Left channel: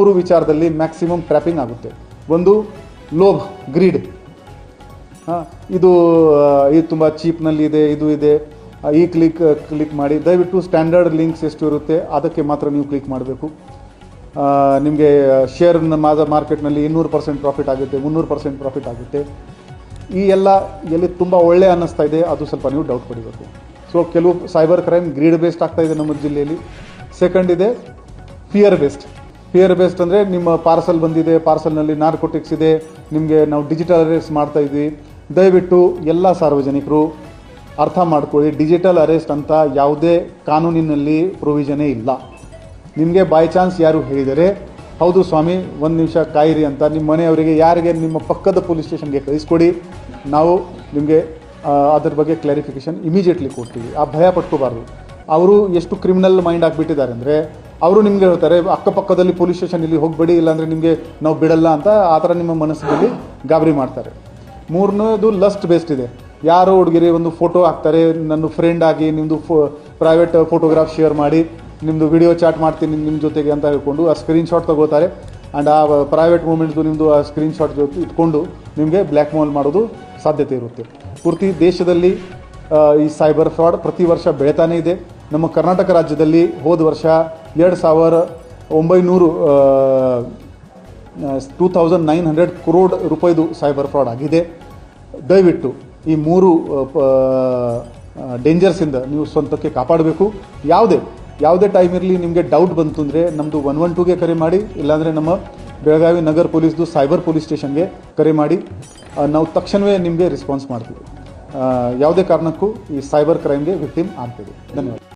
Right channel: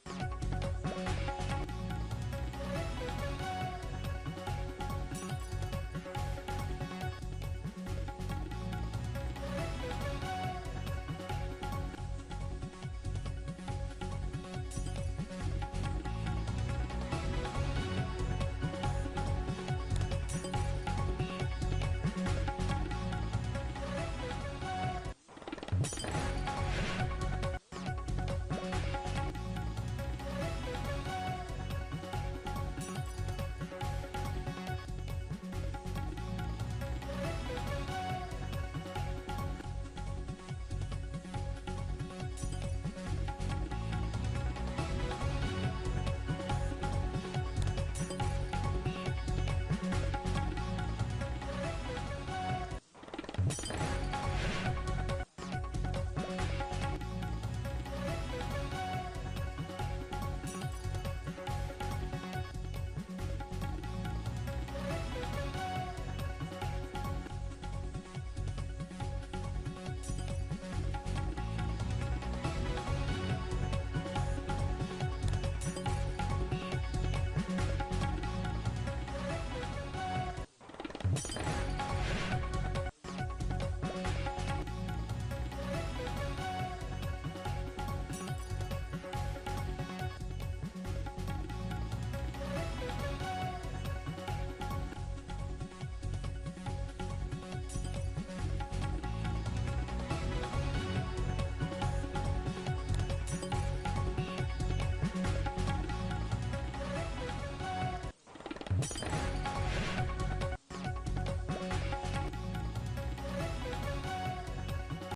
ಮೂರು ವಿಚಾರದಲ್ಲಿ maximum trapping ಆಗುತ್ತೆ. ಒಂದು ಲೋಭ್, ಗ್ರೀಡ್. ಇದು ತುಂಬ ಚೀಪ್ನಲ್ಲಿ ಇದೆ, ಇದು ಇದೆ, ಈ ಕ್ಲಿಕ್ ಮಾಡಿ. ದಯವಿಟ್ಟು ಸ್ಟ್ಯಾಂಡರ್ಡ್ ಲಿಂಕ್ಸ್ ಎಷ್ಟು ಇರುತ್ತೆ ಅದಕ್ಕೆ ಮಾತ್ರ ನೀವು ಕ್ಲಿಕ್ ಮಾಡಬೇಕು. ನಿಮಗೆ ಶೇರ್ ಮಾರ್ಕೆಟ್ನಲ್ಲಿ 200% ಪ್ರಾಫಿಟ್ ಆಗುತ್ತೆ, 300% ಪ್ರಾಫಿಟ್ ಆಗುತ್ತೆ. ಈ ಎಲ್ಲ ಎಲ್ಲಿ ತುಂಬ ಒಳ್ಳೆ ಅನ್ನಿಸ್ತಾ ಇದೆ ಅದು ಸ್ವಲ್ಪ ನೀವು ಡೌಟ್ ಪಡಿಬೇಕು. ಸೊ ಕೆಲವು ಸೈಬರ್ ಕ್ರೈಮ್ ಗ್ರೀಡ್ ಬೇಸ್ಡ್ ಆಗ್ತಾ ಇದೆ ನಮ್ಮ ಜಿಲ್ಲೆಯಲ್ಲಿ. ಸೆಕೆಂಡ್ ಇದೆ ಫಿಯರ್ ಬೇಸ್ಡ್ ಅಂದರೆ ನಿಮ್ಮ ಪಾರ್ಸಲ್ ಬಂದಿದೆ, ಪಾರ್ಸಲ್ನಲ್ಲಿ ನಾರ್ಕೋಟಿಕ್ಸ್ ಇದೆ, ನಿಮಗೆ ನಾವು ಡಿಜಿಟಲ್ ಅರೆಸ್ಟ್ ಮಾಡ್ತಾ ಇದ್ವಿ. ದಯವಿಟ್ಟು ಎಲ್ಲ ಸಾರ್ವಜನಿಕರು ಅರ್ಥ ಮಾಡ್ಕೊಳ್ಳಿ, ಡಿಜಿಟಲ್ ಅರೆಸ್ಟ್ ಅಂತ ಯಾವುದೇ ಕಾನೂನಿನಲ್ಲಿ ಪ್ರೊವಿಷನೇ ಇಲ್ಲ. ನಿಮಗೆ ಬೈ ಚಾನ್ಸ್ ಯಾರು ಹೇಳಿದರೆ ಹೌದು ಸ್ವಾಮಿ ಒಂದು ನಿಮಿಷ ಕಾಯಿರಿ ಅಂತ ನಿಮ್ಮ ಮನೆಯವರಿಗೆ ಯಾರಿಗೆ ನಿಮ್ಮ ಪಕ್ಕದ ಪೊಲೀಸ್ ಸ್ಟೇಷನ್ಗೆ ಕಳಿಸ್ಕೊಡಿ, ನಾವು ನಿಮಗೆ ಅದ್ರ ಬಗ್ಗೆ ಕ್ಲಾರಿಫಿಕೇಷನ್ ಇಮಿಡಿಯೇಟ್ಲಿ ಕೊಡ್ತೀವಿ. ಆ ಭಯ ಪಟ್ಕೋಬಾರ್ದು. ಅವರು ಎಷ್ಟು ಕ್ರಿಮಿನಲ್ ಮೈಂಡ್ ಆಗಿಬಿಟ್ಟಿದ್ದಾರೆ ಅಂದರೆ ಅವರು ನಿಮಗೆ ಹೇಳ್ತಾರೆ ಅಕ್ಕಪಕ್ಕದಲ್ಲಿ ಪೊಲೀಸ್ ಸ್ಟೇಷನ್ ಇಲ್ಲಿ ಹೋಗಬೇಡಿ, ಇಲ್ಲಾಂದರೆ ನಿಮಗೆ ನಾವು ಬಿಡಲ್ಲ ಅಂತ ಆ ಥರ ನಿಮ್ಮ ಮನಸ್ಸಿನಲ್ಲಿ ಗಾಬರಿ ಮಾಡ್ತಾರೆ. ಮೂರನೇದು ಲಸ್ಟ್ ಬೇಸ್ಡ್ ಇದೆ. ಯಾರೋ ಹುಡುಗಿರಿ ಒಂದು ಫೋಟೋ ಹಾಕ್ತಾರೆ, ನನ್ನ ಫ್ರೆಂಡ್ ಆಗಿ ನಿಮ್ಮದು ಪ್ರೈವೇಟ್ ಫೋಟೋಗ್ರಾಫ್ ಶೇರ್ ಮಾಡಿ ನಿಮ್ಮದು ವಿಡಿಯೋ ಚಾಟ್ ಮಾಡ್ತೀನಿ ನಿಮ್ಮ ಜೊತೆಗೆ ಅಂತ ಹೇಳ್ಕೊಂಡು ಆ ಸ್ಕ್ರೀನ್ಶಾಟ್ ತಗೋತಾರೆ. ಆ್ಯಂಡ್ ಆ ಪ್ರೈವೇಟ್ ಮೂಮೆಂಟ್ದು ನಿಮ್ಮದು ಆ ಸ್ಕ್ರೀನ್ಶಾಟ್ ಇಟ್ಕೊಂಡು ನಿಮಗೆ ಬ್ಲ್ಯಾಕ್ ಮೇಲ್ ಮಾಡೋದು ಸಾಧ್ಯತೆ ಇರುತ್ತೆ. ಪೂರ್ತಿ ದೇಶದಲ್ಲಿ ಈ ಸೈಬರ್ ಫ್ರಾಡ್ ಪ್ರತಿ ವರ್ಷ ಬೆಳೀತಾನೇ ಇದೆ. ನಮ್ಮ ಕರ್ನಾಟಕ ರಾಜ್ಯದಲ್ಲಿ ಹೋದ ವರ್ಷ 2,900 crore ರೂಪಾಯಿದು ಸೈಬರ್ ಫ್ರಾಡ್ ಆಗಿದೆ. ದಯವಿಟ್ಟು ಈ ಮೂರು ಡೇಂಜರ್ಸಿಂದ ನೀವು ಸ್ವಂತಕ್ಕೆ ಕಾಪಾಡಬೇಕು. ಯಾವುದೇ ಟೈಮ್ ಇರಲಿ ನಿಮಗೆ ಡೌಟ್ ಬಂತು ಅಂದರೆ ನಮ್ಮದು 112ಗೆ ಕರೆ ಮಾಡಿ, ಇಲ್ಲಾಂದರೆ ನಮ್ಮ ಬೆಳಗಾವಿ ನಗರ ಪೊಲೀಸ್ದು ಸೈಬರ್ ಪೊಲೀಸ್ ಸ್ಟೇಷನ್ಗೆ ಕರೆ ಮಾಡಿ. ನಾವು ತಕ್ಷಣವೇ ನಿಮಗೆ ರೆಸ್ಪಾನ್ಸ್ ಮಾಡ್ತೀವಿ. ಯಾವುದೇ ಕಾರಣಕ್ಕೂ ಈ ಸೈಬರ್ ಕ್ರೈಮ್ಗೆ ವಿಕ್ಟಿಮ್ ಆಗ್ತೀವಿ. ಧನ್ಯವಾದ.